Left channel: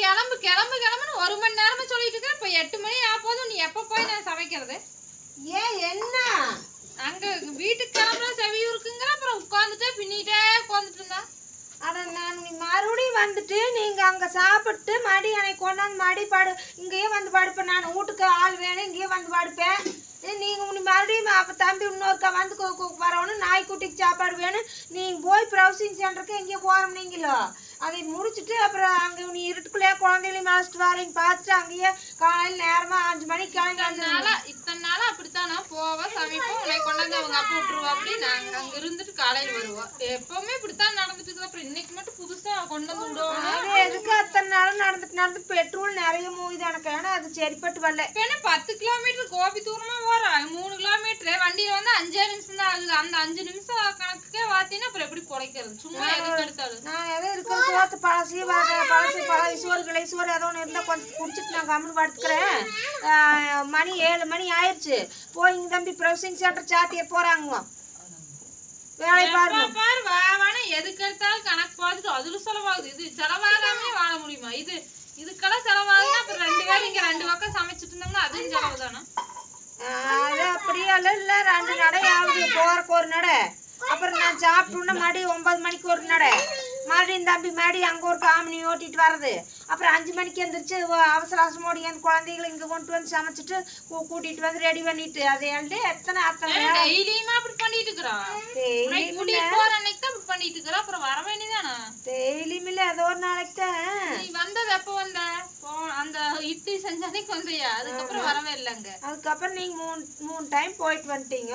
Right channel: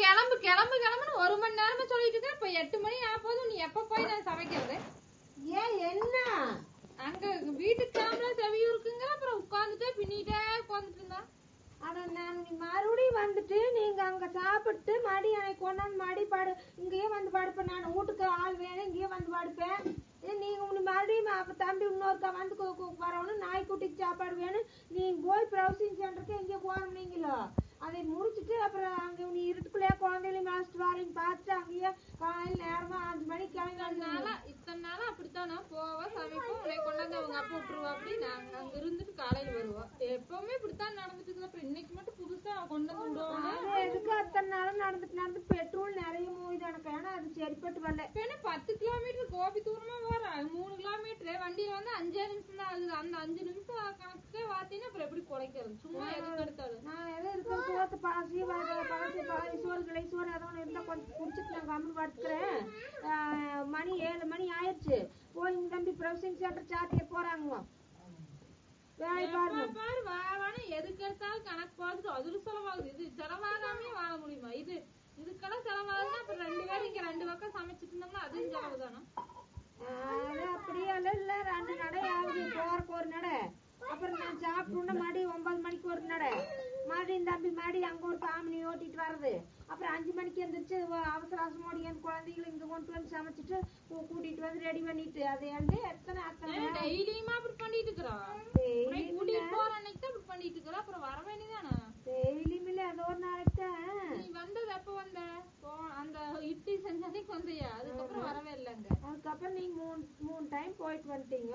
கிளம்பு கிளம்பு கிளம்புன்னு 1 மணி நேரமா சொல்லிட்டு இருக்கேன். இப்ப 8 மணி ஆகும்போது நீ எப்ப போய் நான் சமைக்கிறது? ஏன் என்ன அங்க வீட்டுக்கு கிளம்புற செவியூருக்குங்கிற அப்புறம் உட்காந்துட்டே பின்னிட்டே உட்காந்துட்டு இருந்தா. அட நான் மறுபடியும் வந்துட்டு நீங்க அங்க சாப்பிட்டு மடி எனக்கு கொண்டாந்து மடி பாடு இங்கேயே வந்து படுப்பேன். நான் வீட்டுக்கு ஆள் வேணும் இங்கேயே வந்து படுப்பேன். நீங்க மறுபடியும் அப்ப தம்பி இன்னொருக்கா வந்து வரணும் நாய்க்குட்டிக்கு சாப்பாடு வேணும். நீங்க போய் ப்ரௌசிங் சென்டருக்கு எங்கேயோ போறோம் நீங்களோ அதை முடிச்சுட்டு அப்புறம் அங்க நீ இருட்டுக்குள்ளேயே குழந்தைகளையும் மாஸ்டர் வரீங்க பார்த்துட்டு அங்கேயே காலையில் நேரமா 5 மணிக்கு கிளம்பி இத்தனை நாளா அப்படித்தானா போவோம் சமைப்போம் உன்னை கொண்டாந்து அவங்க அப்பா விட்டுருவா. அப்படி நாங்க அங்க இருந்துட்டு காலையில வருவோம். எப்பவுமே இப்படித்தான் நடந்துட்டு இருக்கு. அப்புறம் இன்னைக்கு மட்டும் புதுசா கொண்டு வந்து விடுவோம். அது எதுக்கு அத்தனை நாளும் நடந்து பெட்ரோல் நிறைய மூவிது எனக்கு. ஏன்னா அது சரிப்பட்டு வரல. இப்ப 10 கிலோமீட்டர் கோபி தூரமா போறோம். 3 கிலோமீட்டர் வண்டியில வந்து 5 நிமிஷம் தான் ஆகுது. அந்த 5 நிமிஷம் கணக்குக்கே வாத்தினா அப்புறம் எப்படி குறைக்கிறது? சும்மா எதுக்கு எடுத்தாலும் நான் எதோ இருக்கிற சோத்து பழசி பழசி சோறு கிளை சோறு ஏதோ ஒன்று இருந்தால் கொஞ்சம் குடிச்சிட்டு நான் கம்முன்னு படுத்துக்கிறேன். மணி 7 மணி ஆயிடுச்சு. போய் இங்க தம்பி ப்ரௌசிங் சென்டர் சாத்திய போறாங்க வேலை பாருங்க. எதுக்கு எடுத்தாலும் கணக்கு பார்த்துட்டு அதுல செலவாகுது. இது செலவாகாமே வாழ முடியுமா? இதுக்கெல்லாம் செலவாகுதுன்னா அப்புறம் 2 பேரும் இங்க 2 பக்கம் சமைச்சிட்டு இருந்தாங்கன்னா அதுவும் செலவு தானே. அது அப்படியே இல்லை 2 நடை ஆகுது. போறக்கு ஒரு நடை அப்புறம் நான் சாப்பிட்டோன்னா மறுபடி 9 மணிக்கு ஒரு நடை மறுபடியும் தம்பி மறுபடி அங்கே ஒரு காமனி ஓட்டிட்டு வர்றது. அப்புறம் 5 மணிக்கு எழுந்திரிச்சு அவசர அவசரமோடி என் குழந்தைகளை இங்கே கொண்டு வந்து சமைச்சிட்டு கூட்டிட்டு வந்து ரெடி பண்ணிட்டு அதை எத்தனை டெய்லியுமா அப்படி பண்ணிட்டு இருக்கிறோம். பண்ணிட்டு இருக்கிற அப்புறம் வர வேண்டியதானா? டெய்லியும் இல்லை ஏதோ ஒரு நாளைக்கு தான். நீ வந்தது எப்ப வந்த? அந்த இட்லி செஞ்சானே வந்தையா? அதுக்கப்புறம் வரவே இல்லைங்க. அதுக்கப்புறம் நீங்க 3 டைம் போயிட்டு வந்துட்டீங்க.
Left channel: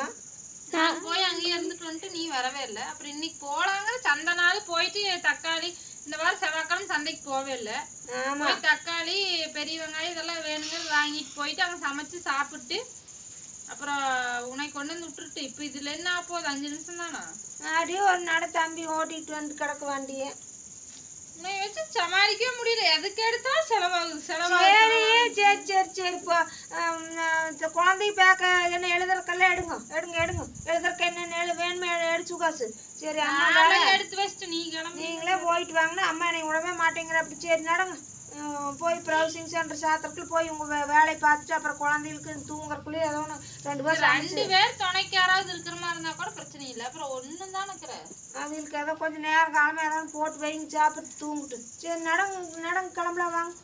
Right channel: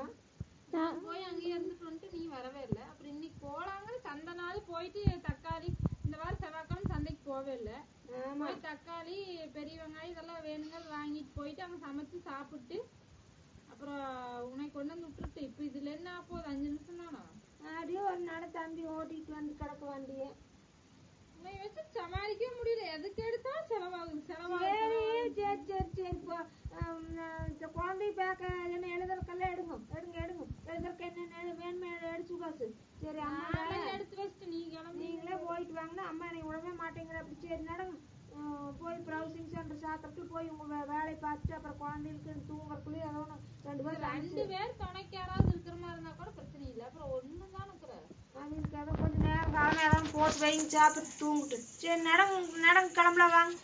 நான் போய் அங்கேயே இருந்துட்டு வந்துட்டு நீ வரவே இல்லை. அப்புறம் இன்னைக்கு போலாங்க சந்தை நாள் போயிட்டு தக்காளி இந்த வாரம் செவ்வாய்க்கிழமை சந்தைக்கு போவே இல்லை. போய் தக்காளி பெரிய வெங்காயம் இதெல்லாம் வேணுங்கிறது வாங்கிட்டு போயிட்டு அங்கே சமைச்சு சாப்பிட்டு அப்புறம் உனக்கு கொண்டு வந்து விட்டுட்டு இப்போ இதுல என்ன போகுது? 5 நிமிஷம் தானா? அப்படியே ஒரு நடை தம்பி ஓட்டிட்டு வந்து கிடக்க வண்டியை உன்னை வச்சு சமாளிக்கவே முடியல. எதுக்கு எடுத்தாலும் செலவாகுது சரி சரி சரி சரி. இப்போ குழந்தை பேக்க என்ன எழுதுறக்கெல்லாம் எடுங்க எழுதுறக்கு என்ன வேணுமே எடுத்து காசு. சரி அம்மா எடுத்து வச்சுட்டு நீங்களே போயிட்டு வாங்கினா அம்மா என்னை விடவே மாட்டேங்கிற. அப்படி சரி நடங்க போய் ப்ரௌசிங் சென்டர் சாத்திரக்குள்ள போய் உங்க வேலையை பார்த்துட்டு அப்புறம் குழந்தைகளுக்கு தூங்குறக்குள்ளே ஏதோ 2 பேர் துணைக்கு யாராவது இருக்கிற மாதிரி இருந்தா கூட பிரச்சனை இல்லை. அப்புறம் ஒன்றும் தான் இருக்கிறேன் அவங்களுக்கு ஏதோ கொஞ்சம் நேரம் காலமாக ஏதாவது போட்டு வைங்க சாப்பிட்டு தூங்கிட்டு. சரி நடங்க கிளம்பலாம் வாங்க.